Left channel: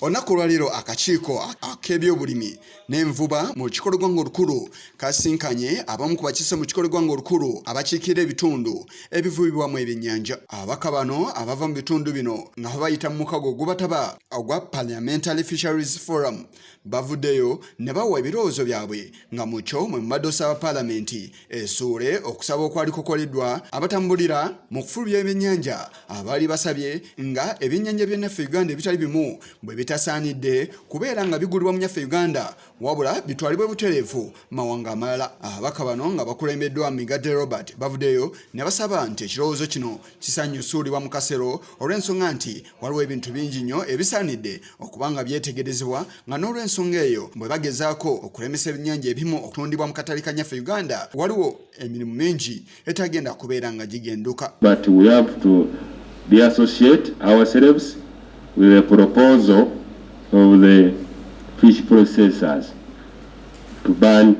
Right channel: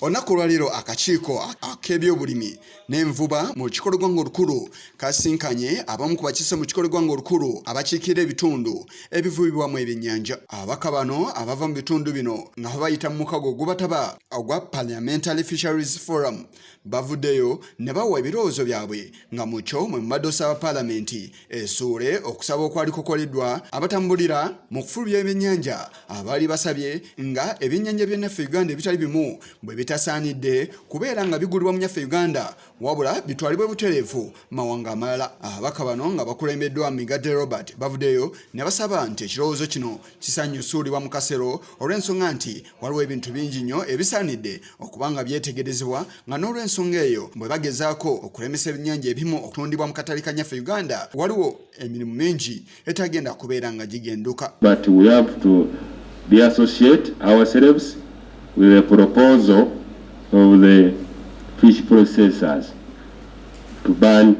Olunaku lwaleero akakiiko ak'ebyobulimi n'envuba mu kikolo gwanga olukulu kasinkanye abamu ku bakiise mu kikolo gwanga olukulu abakiikirira ebitundu ebivubibwamu ebyennyanja. Ababaka bano abava mu bitundu bino nga bayita mu mukago ogubataba ogwa Parliamentary Fisheries Forum bavuddeyo ne bawa ebirowoozo byabwe nga mukyo mwe mubadde osaba Paalamenti esuule okusaba okwali kukoleddwa abatambulira mu kufulumya ebyennyanja abaali basabye nga ebyennyanja by'ennaffe Uganda ebitali bimu bwe bitasaanidde kubeera nga bigulibwa mu nyaffe Uganda wabula bitwalibwe butereevu mawanga amalala. Ababaka bano nga bakulembeddwa Migadde Robert bavuddeyo ne basaba nti ekirowoozo kino kisanyusuulibwa mu kasero olw'ensonga nti waliwo ebintu bingi nnyo ebisaanidde okuba nga byetegerezebwa nga n'olw'ensonga eyo bwe bagezaako okulemesa ebyennyanja ebimu okutundibwa mu katale ka nyaffe Uganda waliwo emirimu mingi etagenda kubeera nga gigenduka. But we have to de-associate ourselves with a proposal of the fish processors to ban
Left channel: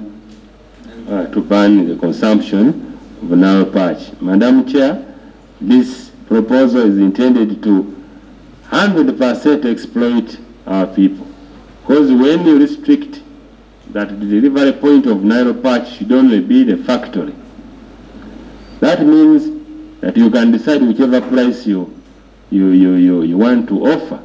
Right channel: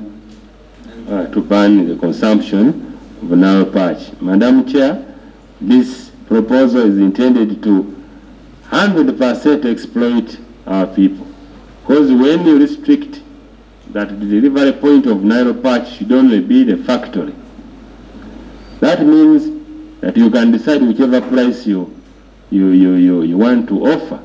the consumption of Nile perch. Madam Chair, this proposal is intended to 100% exploit our people. Because when you restrict that the delivery point of Nile perch should only be the factory, that means that you can decide whichever price you want to offer.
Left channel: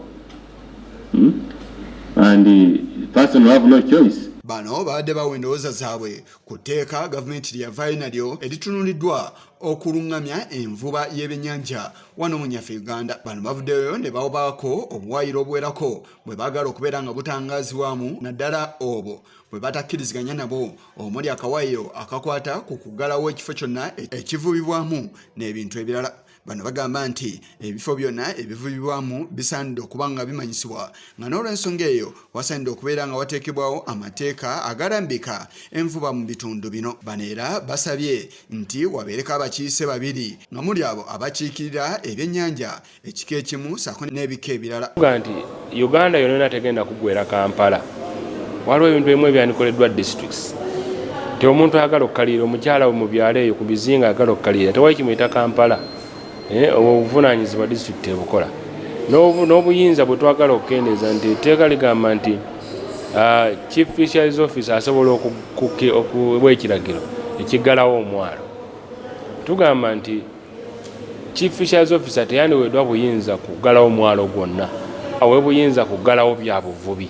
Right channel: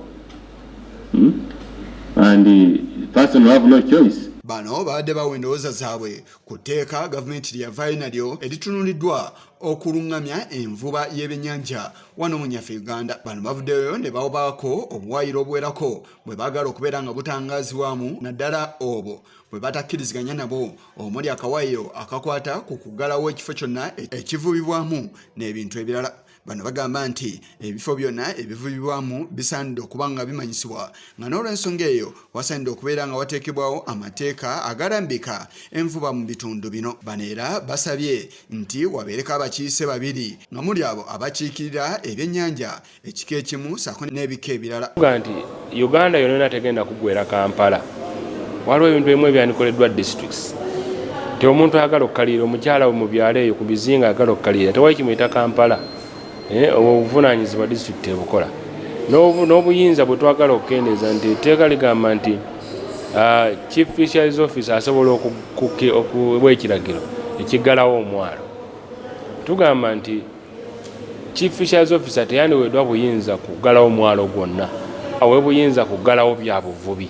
And the person will have no choice. Bano Bawaddeyo Endowooza Zaabwe ku tteeka gavumenti lyavaayo nalyo eritunuliddwa okulungamya envuba y'ebyennyanja wano mu nyaffe Uganda. Bano bavuddeyo ne bawabaako obuwaayiro obuwerako bwe baagala okubeera nga butangaazibwamu naddala obwo bwe batakkiriziganya nabo omuli akawaayiro akakwata ku kuggalawo ekifo kyonna ekivubibwamu n'ebintu ebirala. Bano bagamba nti ebifo byonna ebivubibwamu bisaanidde okuba nga bimanyisibwa nga n'olw'ensonga eyo wasaanidde okubeera nga wateekebwawo amateeka agalambika envuba mu bitundu bino. Bano era basabye nti wabeereko abakiise babiri nga muli abo abakiikirira ebyennyanja ekika ekimu ssaako n'ebika ebirala. Nti Uganda yonna tegenda kuggwera Kampala. Waliwo ebintu ebimu ebyandikoleddwa districts. Nti omuntu ayagala okukalira omukyala mu byalo eyo ku bizinga ayagala okukalira tewali kimuyita Kampala. Obuvunaanyizibwa disitulikiti ebukola n'obuyinza bwe twagala okukendeeza nti etteeka ligamba nti Chief Fisheries Officer asobola okuwa ekiragiro ekiggalawo omwalo. Tugamba nti Chief Fisheries Officer teyandiweddwa buyinza kuggalawo omwalo gwonna, awe buyinza kuggalawo bya buvubi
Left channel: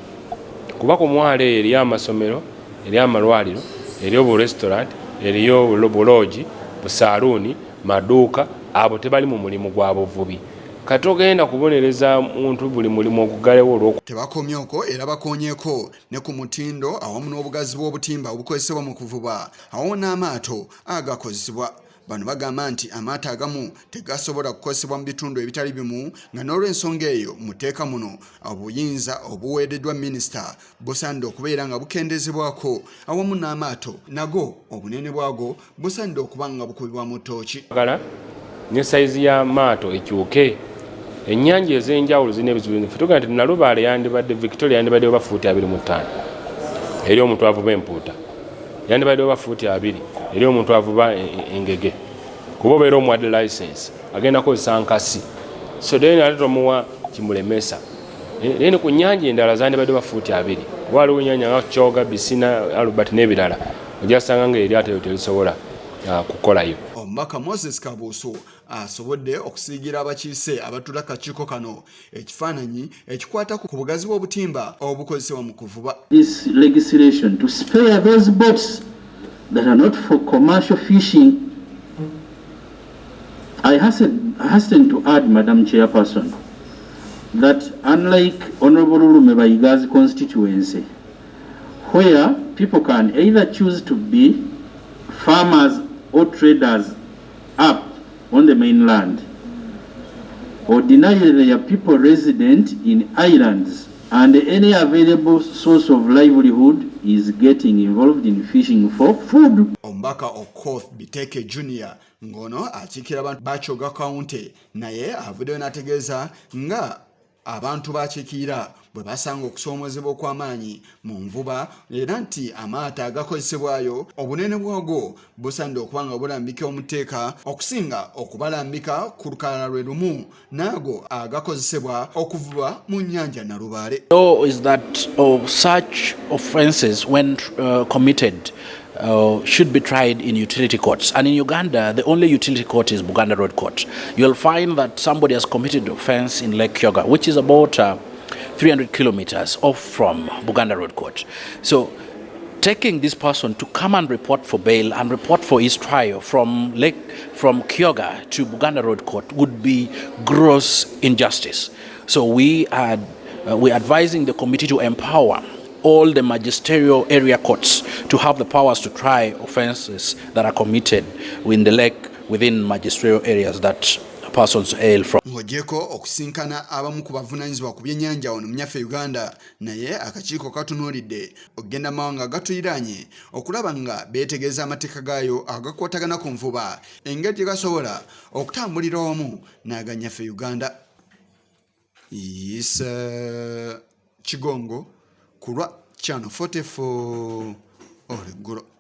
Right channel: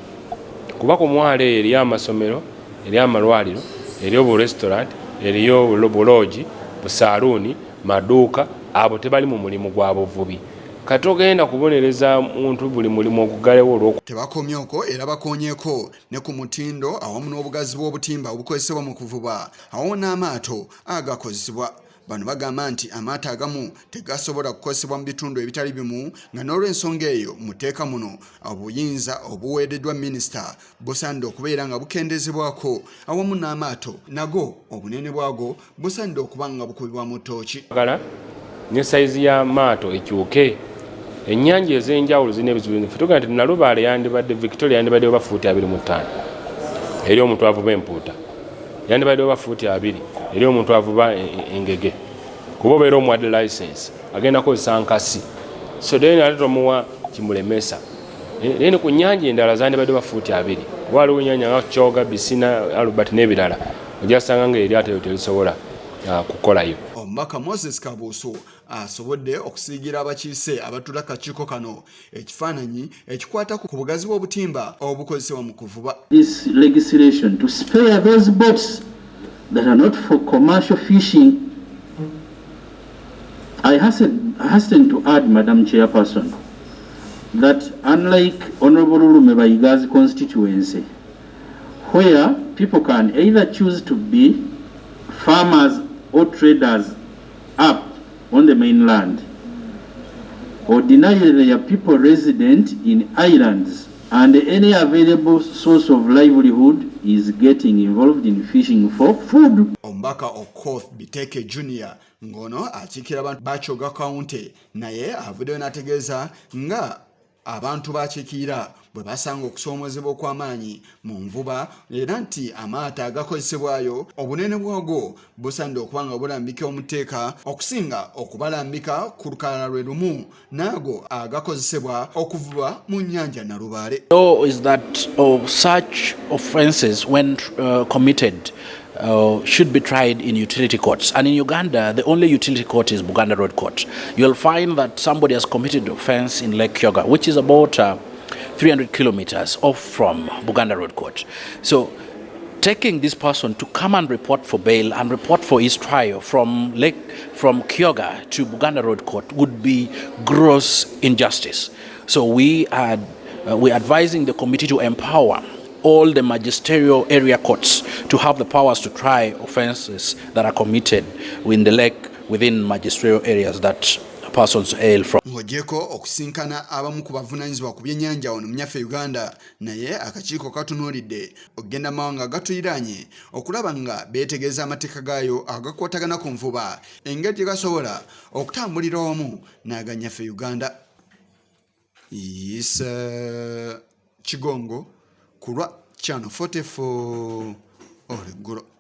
kuba ku mwalo eyo eriyo amasomero, eriyo amalwaliro, eriyo burestaurant, eriyo buloogi, busaaluuni, maduuka. Abo tebali mu mulimu gwa buvubi. Kati ogenda kubonereza muntu buli mulimu oguggalewo olw'oku. Tebakomye okwo era bakonyeeko ne ku mutindo awamu n'obugazi bw'obutimba obukozesebwa mu kuvuba awamu n'amaato agakozesebwa. Bano bagamba nti amaato agamu tegasobola kukozesebwa mu bitundu ebitali bimu nga n'olw'ensonga eyo mu tteeka muno obuyinza obuweereddwa minisita busaanidde okubeera nga bukendezebwako awamu n'amaato nago obunene bwago busaanidde okuba nga bukubibwa mu ttooki. Ne saizi y'amaato ekyuke. Ennyanja ez'enjawulo zirina ebizibu bingi. Tuga nti Nalubaale yandibadde Victoria yandibadde oba fuuti 25 eri omuntu avuba empuuta, yandibadde oba fuuti 2 eri omuntu avuba engege kuba obeera omuwadde license agenda kukozesa nkasi so then ate tomuwa kimulemesa. Then ku nnyanja endala zandibadde oba fuuti 2 waliwo ennyanja nga Kyoga, Bisina, Albert n'ebirala ojja kusanga nga eryato eryo terisobola kukolayo. Omubaka Moses Kabuusu asobodde okusiigira abakiise abatula kakiiko kano ekifaananyi ekikwata ku bugazi bw'obutimba obukozesebwa mu kuvuba. This legislation to spare those boats that are not for commercial fishing. I hasten to add, Madam Chairperson, that unlike Honorable Lume Bayiga's constituency, where people can either choose to be farmers or traders up on the mainland or deny their people resident in islands and any available source of livelihood is getting involved in fishing for food. Omubaka Okoth Biteke Junior ngono akiikirira abantu ba Kyoga County naye avuddeyo n'ategeeza nga abantu bakiikirira bwe basanga okusoomozebwa okw'amaanyi mu nvuba era nti amaato agakozesebwayo obunene bwago busaanidde okuba nga bulambika omuteeka okusinga okubalambika ku lukalala lwe lumu naago agakozesebwa okuvuba mu nnyanja Nalubaale. Is that such offences when committed should be tried in utility courts. And in Uganda, the only utility court is Buganda Road Court. You'll find that somebody has committed offense in Lake Kyoga, which is about 300 kilometers off from Buganda Road Court. So taking this person to come and report for bail and report for his trial from Kyoga to Buganda Road Court would be gross injustice. So we're advising the committee to empower all the magisterial area courts to have the powers to try offences that are committed in the lake within magisterial areas that persons hail from. Ng'ogyeko okusinkana abamu ku bavunaanyizibwa ku byennyanja wano mu nnyaffe Uganda, naye akakiiko katunuulidde okugenda mawanga gatuyiraanye okulaba nga beetegereza amateeka gaayo agakwatagana ku nvuba engeri gye gasobola okutambulira wamu n'agannyafe Uganda. Kigongo kulwa Channel 44 Oleggulo.